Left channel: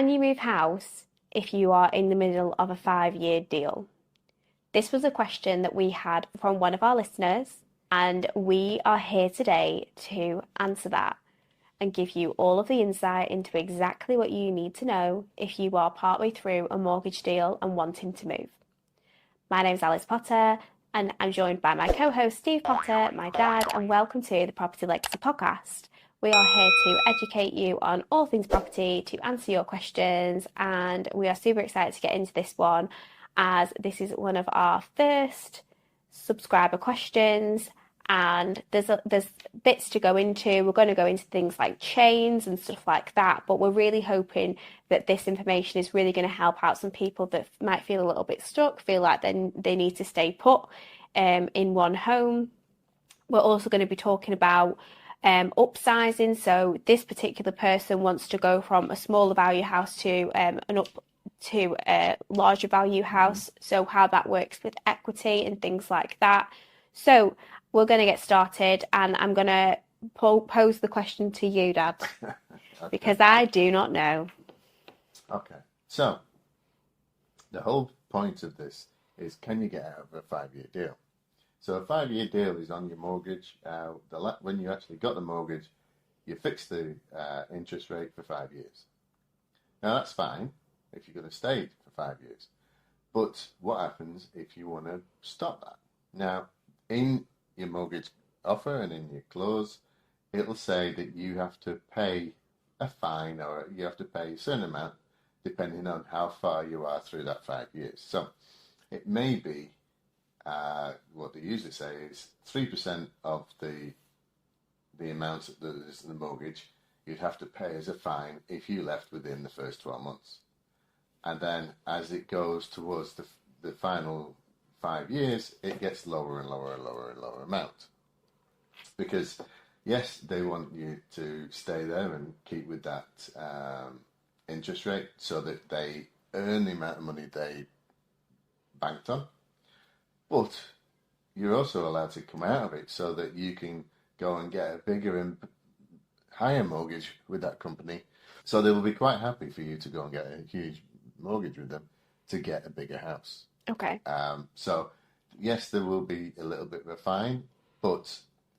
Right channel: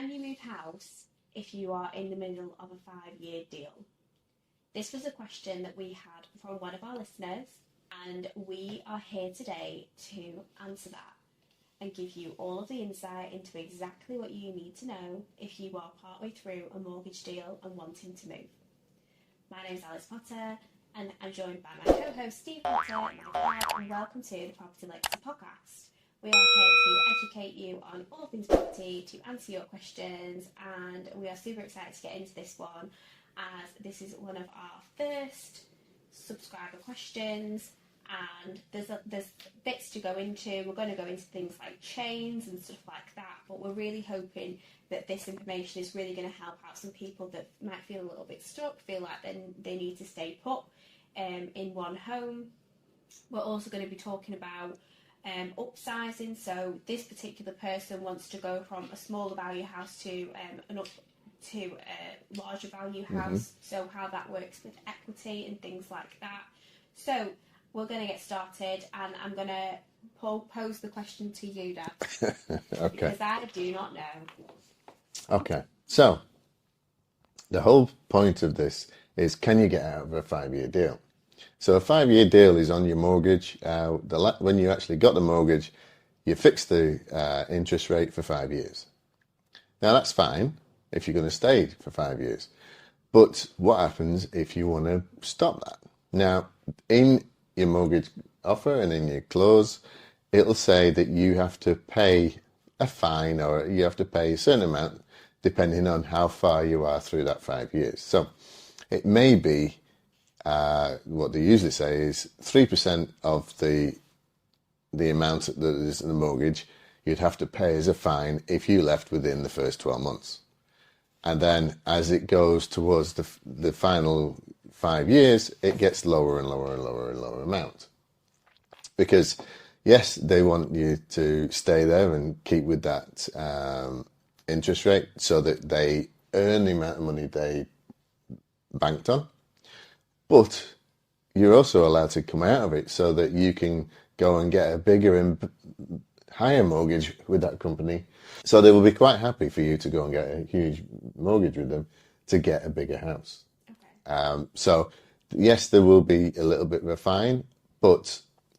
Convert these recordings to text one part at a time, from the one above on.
Can you move house if you are in the middle of a 5-year deal? This was a question that we had from one of our listeners, and we are here today to answer that and give you all of the insight into exactly what you need to know if you are partway through a mortgage deal and wanting to move. My name's Alice Potter, and I'm joined by my co-host Steve Potter, my dad, and welcome to the Property Legacy Podcast. We are here to educate you on all things property, to answer your questions, and we are super excited to get into this one as this is one of our first subscriber questions, and there's bits to go into. We're going to go into things like chains and stuff like that, but we're really hoping that this information is really going to help out some people that might feel a little bit stuck, feel like they need to stay put in one home. We're also going to be talking about upsizing. So this particular person wants to go from a smaller value house to a larger value house. So how that works with equity and things like that. So we're going to get started, and I'm going to pose the question to you, Dad, Okay. because I do not know. Okay. So the whole point of this is, can you get out of a 5-year deal? So a 5-year deal is on your mortgage. When you actually got the mortgage, you fix the interest rate for 5 years. Now that's fine if you're going to stay for 5 years. But what happens if you want to stop that? Now, in your mortgage offer and in your clause, it'll say that you have to pay a fine, or you have to pay a certain amount depending on how far you are through that 5 years. So it may be, what they usually say is 3% of the amount that is in the mortgage you'd have to pay as a fine if you left within the first 12 months. And then as it goes towards the final 5 years, it gets lower and lower and lower and lower amount. Because yes, they want you to stay there and keep with that interest rate so that they earn the amount of money they banked on. But you're also allowed to come out of it so that you can go and get a bigger and higher mortgage with that company. So they will be quite happy for you to go and get a huge mortgage with them to get a bigger house. Okay. So yes, there will be a little bit of a fine, but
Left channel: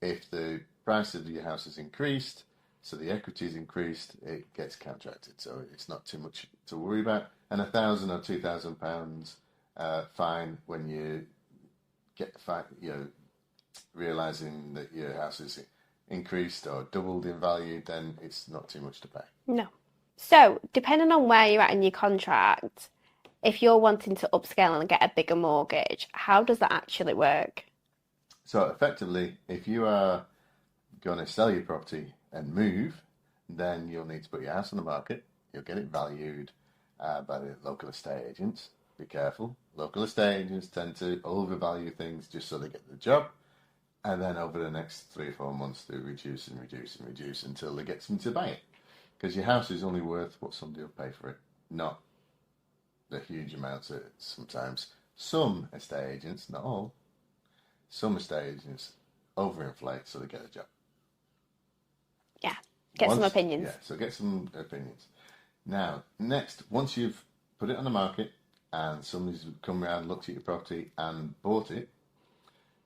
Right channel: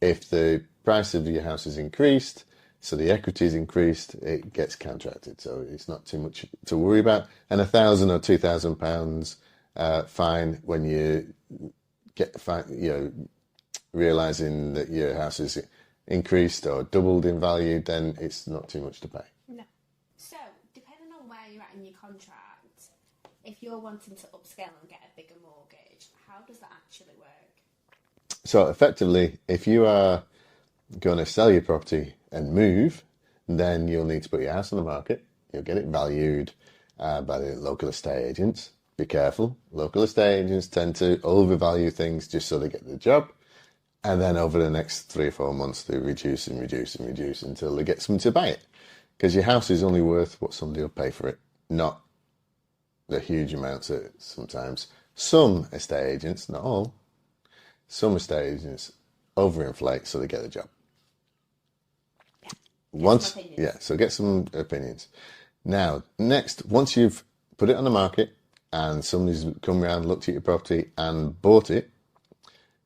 if the price of your house is increased, so the equity is increased, it gets contracted. So it's not too much to worry about. And £1,000 or £2,000 fine when you get realizing that your house is increased or doubled in value, then it's not too much to pay. No. So depending on where you're at in your contract, if you're wanting to upscale and get a bigger mortgage, how does that actually work? So effectively, if you are going to sell your property and move, then you'll need to put your house on the market. You'll get it valued by the local estate agents. Be careful. Local estate agents tend to overvalue things just so they get the job. And then over the next 3 or 4 months, they reduce and reduce and reduce until they get someone to buy it. Because your house is only worth what somebody will pay for it, not the huge amounts that sometimes some estate agents, not all, some estate agents overinflate so they get the job. Yeah, some opinions. Yeah, so get some opinions. Now, next, once you've put it on the market and somebody's come around, looked at your property and bought it,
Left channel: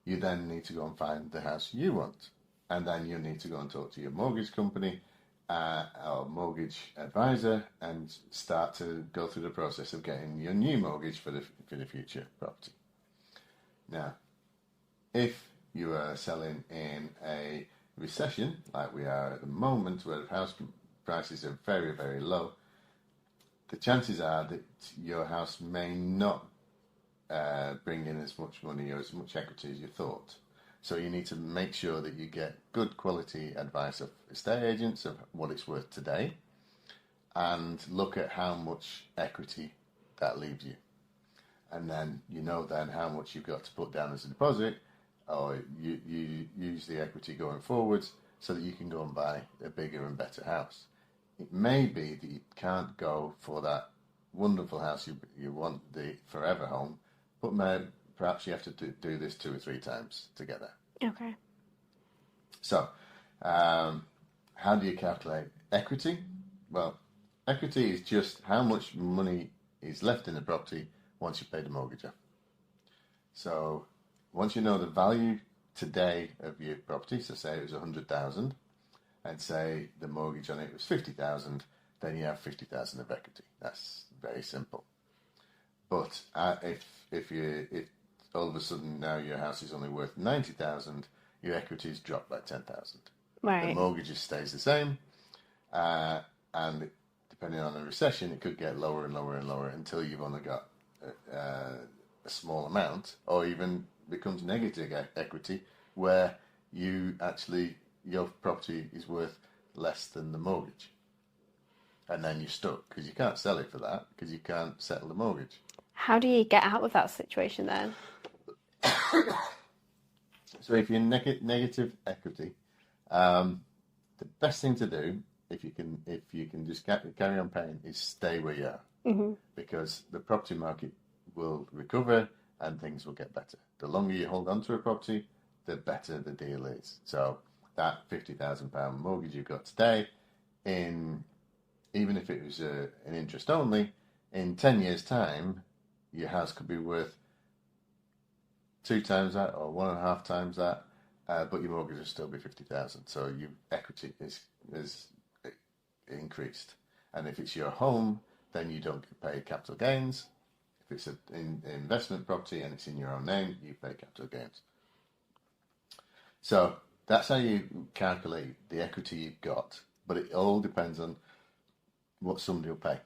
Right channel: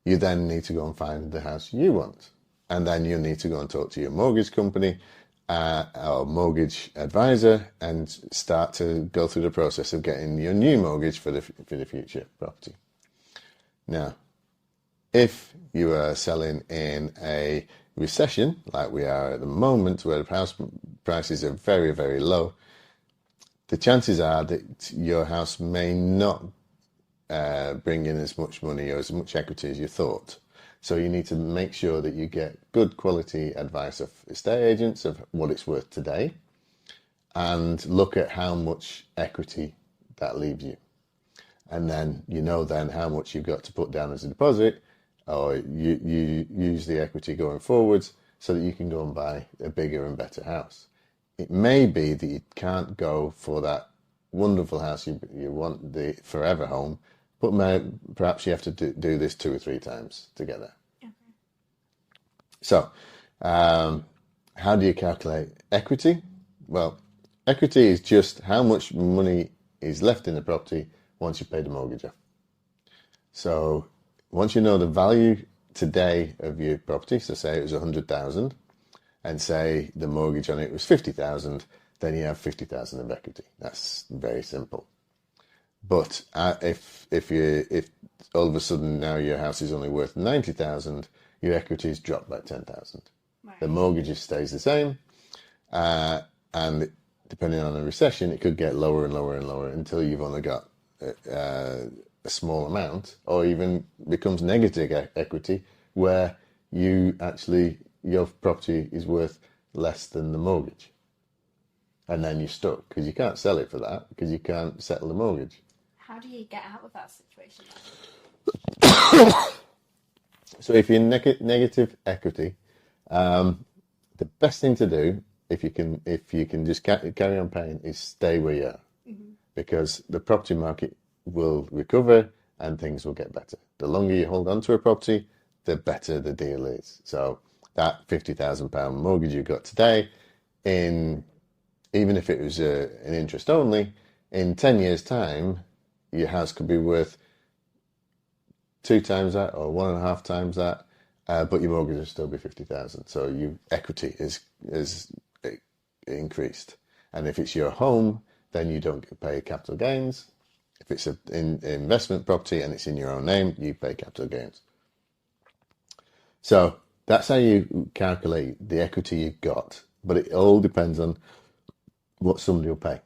you then need to go and find the house you want. And then you need to go and talk to your mortgage company or mortgage advisor and start to go through the process of getting your new mortgage for the future property. Now, if you are selling in a recession like we are at the moment, where the house prices are very, very low, the chances are that your house may not bring in as much money or as much equity as you thought. So you need to make sure that you get good quality advice of estate agents of what it's worth today, and look at how much equity that leaves you. And then you know then how much you've got to put down as a deposit, or you use the equity going forwards so that you can go and buy a bigger and better house. It may be that you can't go for that wonderful house you want, the forever home, but perhaps you have to do this 2 or 3 times to get there. Okay. So, how do you calculate equity? Well, equity is just how much money is left in the property once you pay the mortgage off. So once you know the value today of your property, so say it was 100,000, and say the mortgage on it was 50,000, then you have 50,000 of equity. That's very simple. But if all of a sudden now your house is only worth 90,000, your equity is dropped by 10,000. Right. The mortgage stays the same, and depending on the recession, it could get lower and lower and lower until you've only got a small amount, or even becomes negative equity, where your property is worth less than the mortgage. And then you're stuck because you can't sell it for that because you can't settle the mortgage. How do you get out of that situation then? So if you're negative equity, the best thing to do, if you can just carry on paying, is stay where you are, because the property market will recover and things will get better. The longer you hold on to a property, the better the deal is. So that £50,000 mortgage you've got today, even if it was an interest only, in 10 years' time, your house could be worth 2 times that or 1.5 times that, but your mortgage will still be 50,000. So your equity is increased. And if it's your home, then you don't pay capital gains. If it's an investment property and it's in your own name, you pay capital gains. So that's how you calculate the equity you've got, but it all depends on what somebody will pay.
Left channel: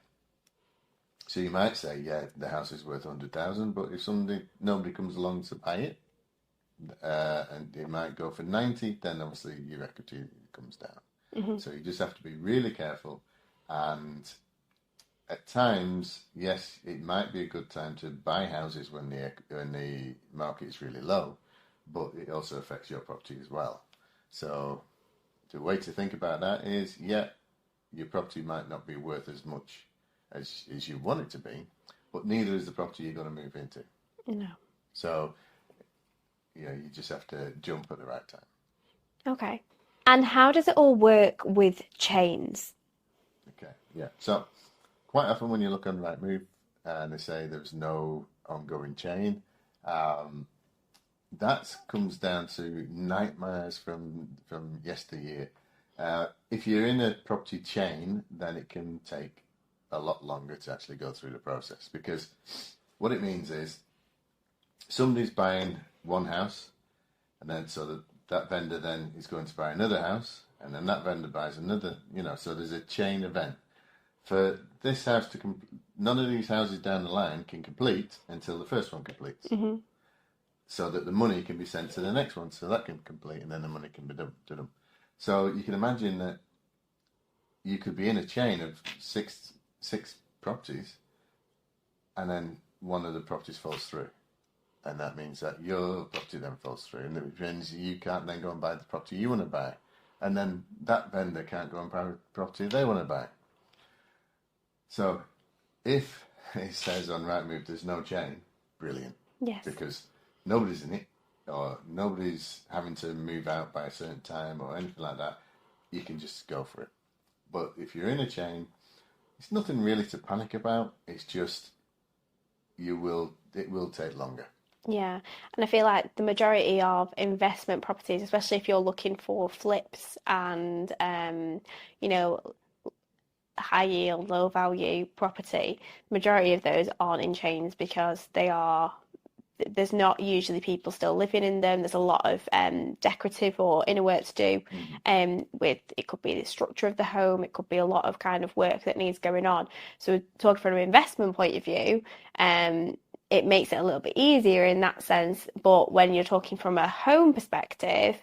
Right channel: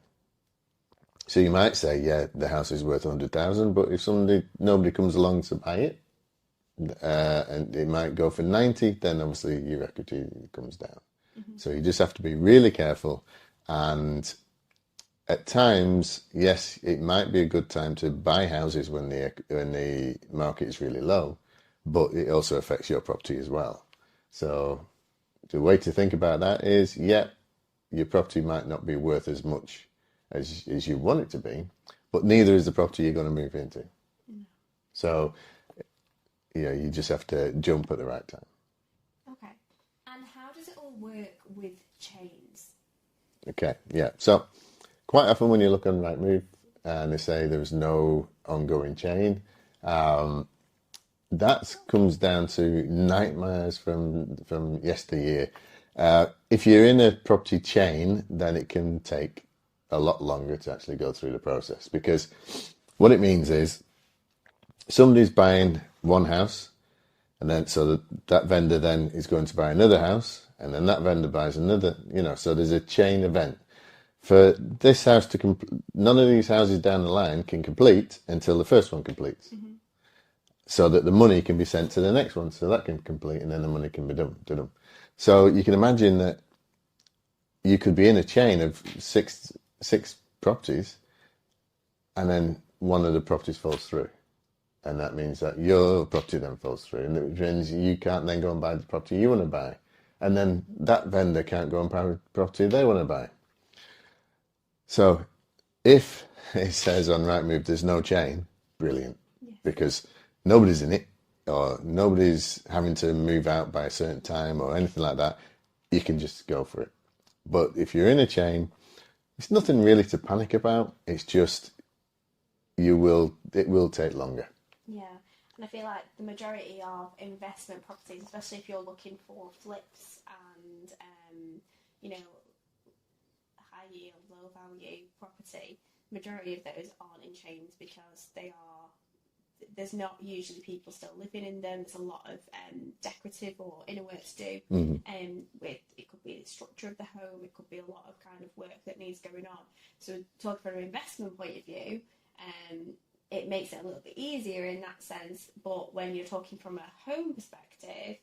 So you might say, yeah, the house is worth 100,000, but if nobody comes along to buy it, and it might go for 90, then obviously your equity comes down. So you just have to be really careful. And at times, yes, it might be a good time to buy houses when the market is really low, but it also affects your property as well. So the way to think about that is, yeah, your property might not be worth as much as you want it to be, but neither is the property you're going to move into. No. So, yeah, you just have to jump at the right time. Okay. And how does it all work with chains? Okay, yeah. So quite often when you look on Rightmove and they say there's no ongoing chain, that comes down to nightmares from yesteryear. If you're in a property chain, then it can take a lot longer to actually go through the process, because what it means is somebody's buying one house, and then so that vendor then is going to buy another house, and then that vendor buys another, so there's a chain event. For this house to none of these houses down the line can complete until the first one completes. So that the money can be sent to the next one, so that can complete, and then the money can be done. So you can imagine that you could be in a chain of six properties, and then one of the properties falls through, and that means that your property then falls through, and it means you can't then go and buy the property you want to buy, and then that vendor can't go and buy the property they want to buy. So if it says on Rightmove there's no chain, brilliant. Yes. Because nobody's in it, or nobody's having to move out by a certain time or anything like that, you can just go for it. But if you're in a chain, it's nothing really to panic about. It's just it will take longer. Yeah, and I feel like the majority of investment properties, especially if you're looking for flips and high yield, low value property, majority of those aren't in chains because there's not usually people still living in them. There's a lot of decorative or inner work to do. With it could be the structure of the home, it could be a lot of kind of work that needs going on. So talking from an investment point of view, it makes it a little bit easier in that sense. But when you're talking from a home perspective,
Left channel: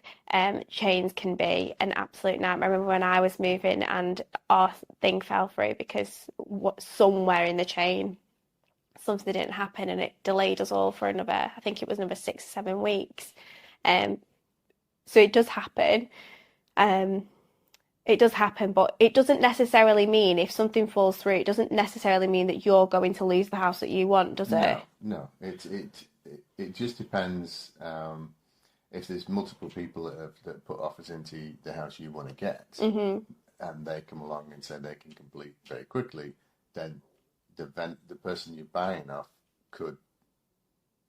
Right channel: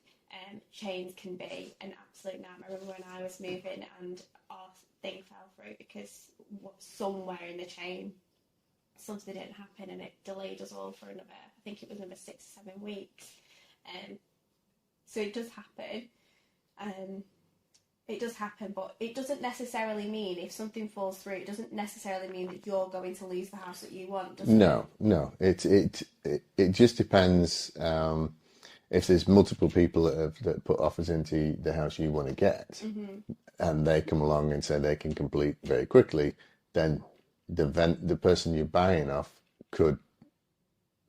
chains can be an absolute nightmare. I remember when I was moving and our thing fell through because somewhere in the chain something didn't happen, and it delayed us all for another, I think it was another 6 or 7 weeks. So it does happen. It does happen, but it doesn't necessarily mean if something falls through, it doesn't necessarily mean that you're going to lose the house that you want, does it? No. It just depends. If there's multiple people that put offers into the house you want to get, and they come along and say they can complete very quickly, then the person you're buying off could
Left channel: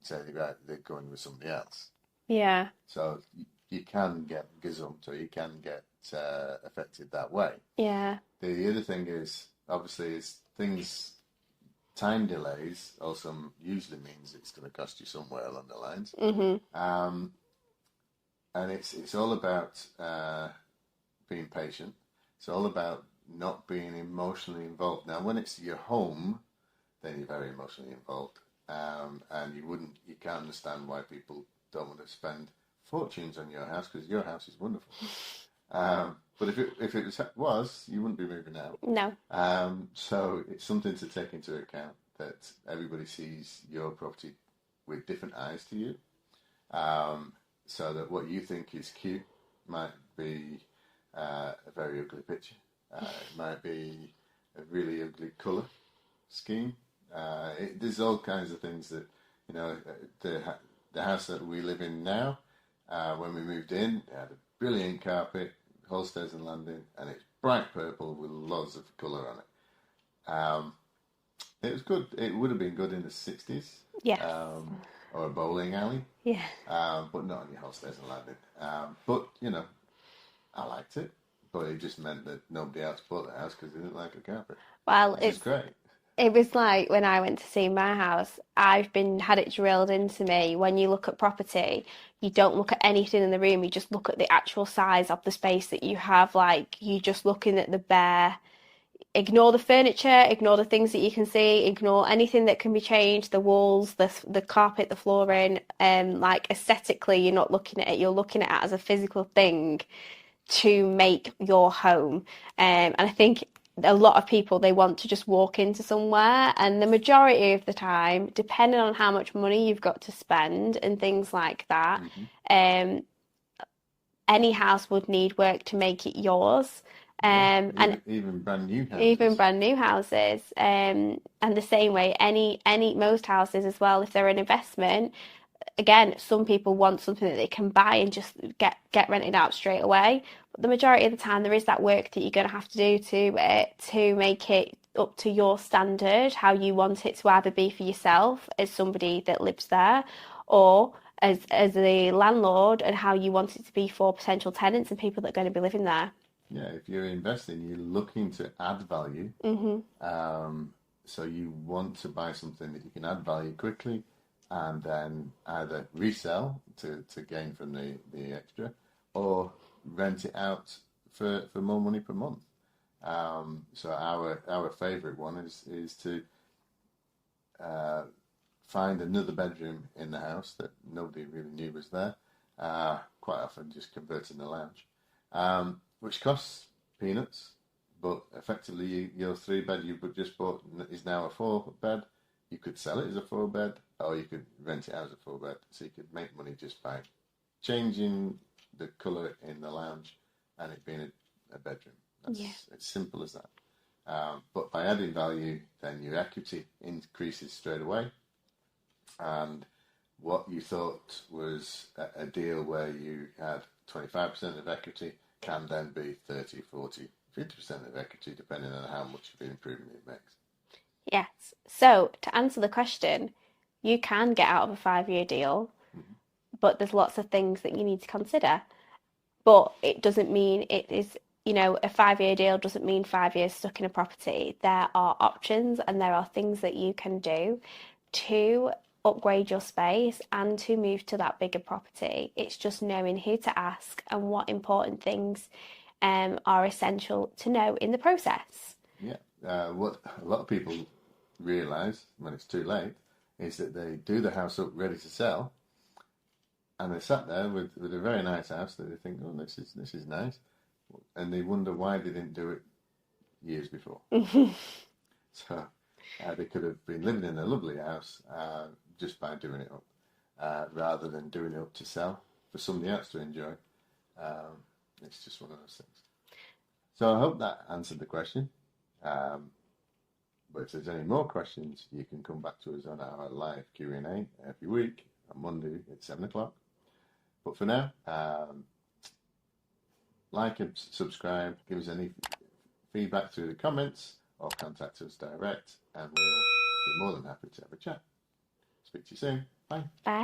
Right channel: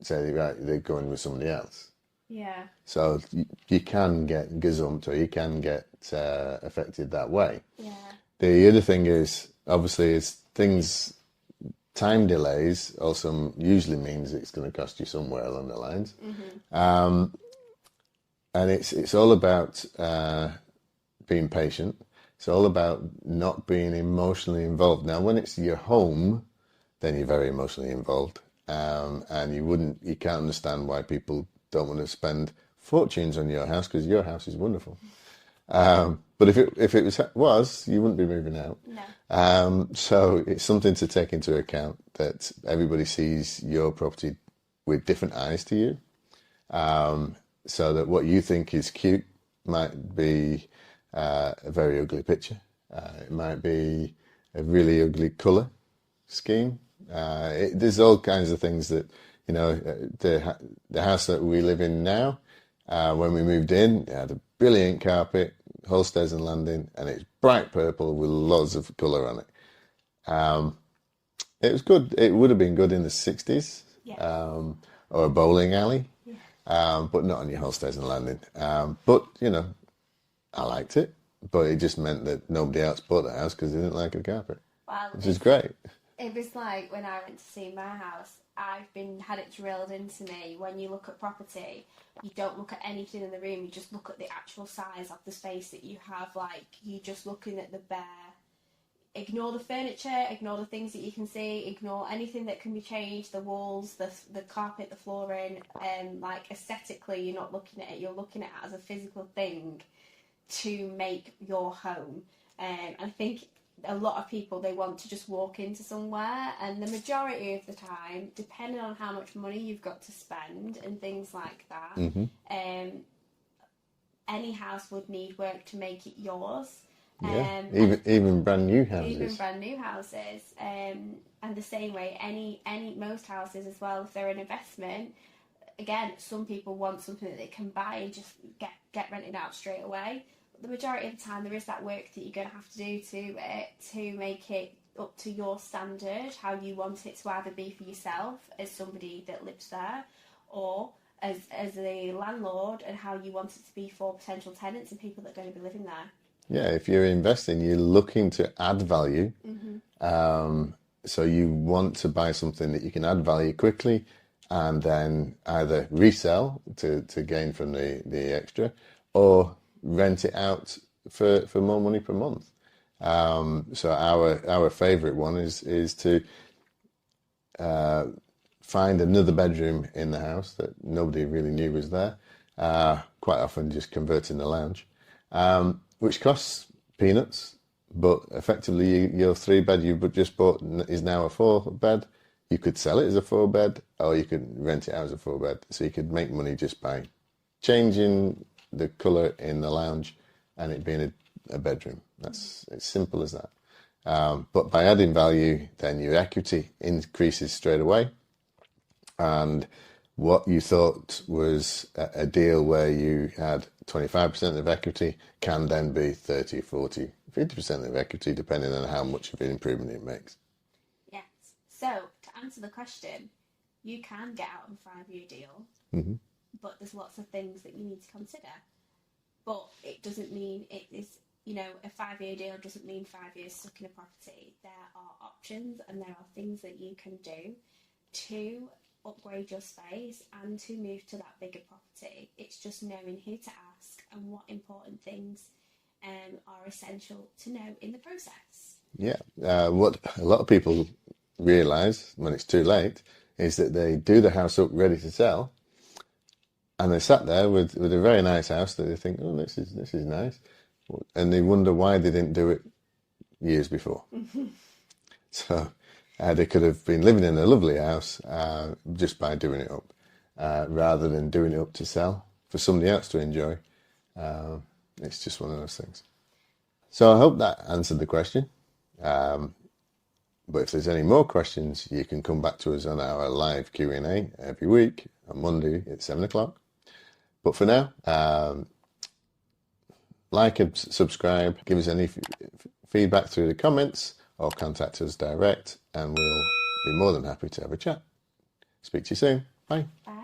say, right, they're going with somebody else. Yeah. So you can get gazumped, or you can get affected that way. Yeah. The other thing is, obviously, time delays also usually means it's going to cost you somewhere along the lines. And it's all about being patient. It's all about not being emotionally involved. Now, when it's your home, then you're very emotionally involved, and you can't understand why people don't want to spend fortunes on your house, because your house is wonderful. But if it was, you wouldn't be moving out. No. So it's something to take into account, that everybody sees your property with different eyes to you. So that what you think is cute might be a very ugly picture. It might be a really ugly colour scheme. There's all kinds of things that, the house that we live in now, when we moved in, it had a brilliant carpet, Holsters and landing, and it's bright purple with lots of colour on it. It was good. It would have been good in the 60s. Yeah. Or a bowling alley. Yeah. But not on your Holsters and landing. But, I liked it. But it just meant that nobody else bought the house because they didn't like the carpet. Well, which is great. It was like when I went to see my house, had it drilled into me, when you look at property, you don't look at anything in the room, you just look at the actual size of the space that you have. Like, you're just looking at the bare, ignore the furniture, ignore the things that you can see, ignore anything that can be changed, the walls, the carpet, the flooring. Like, aesthetically, you're not looking at it, you're looking at it as a physical thing to make your home. And I think a lot of people, they want to just walk into somewhere, and the majority of the time, depending on how much money you've got to spend and things like that, any house would need work to make it yours. Even brand new houses. Even brand new houses. And the same way, most houses as well, if they're an investment, again, some people want something that they can buy and just get rented out straight away. But the majority of the time, there is that work that you're going to have to do to make it up to your standard, how you want it to either be for yourself as somebody that lives there, or as the landlord, and how you want it to be for potential tenants and people that are going to be living there. Yeah, if you're investing, you're looking to add value. So you want to buy something that you can add value quickly, and then either resell to gain from the extra, or rent it out for more money per month. So our favourite one is to find another bedroom in the house that nobody really knew was there. Quite often just converting the lounge, which costs peanuts, but effectively your 3-bed you just bought is now a 4-bed. You could sell it as a 4-bed, or you could rent it out as a 4-bed. So you could make money just by changing the colour in the lounge and it being a bedroom. That's as simple as that. But by adding value, then your equity increases straight away. And what you thought was a deal where you had 25% of equity can then be 30, 40, 50% of equity, depending on how much of an improvement it makes. Yes. So to answer the question, you can get out of a 5-year deal, but there's lots of things that you need to consider. But it doesn't mean it is, a 5-year deal doesn't mean 5 years stuck in a property. There are options and there are things that you can do to upgrade your space and to move to that bigger property. It's just knowing who to ask and what important things are essential to know in the process. Yeah. What a lot of people realise when it's too late is that they do the house up ready to sell, and they sat there with a very nice house that they think, oh, this is nice, and they wonder why they didn't do it years before. So they could have been living in a lovely house just by doing it up, rather than doing it up to sell for somebody else to enjoy. It's just one of those things. So I hope that answered the question. But if there's any more questions, you can come back to us on our live Q&A every week on Monday at 7 o'clock. But for now, like and subscribe, give us any feedback through the comments or contact us direct, and we'll be more than happy to have a chat. Speak to you soon. Bye. Bye.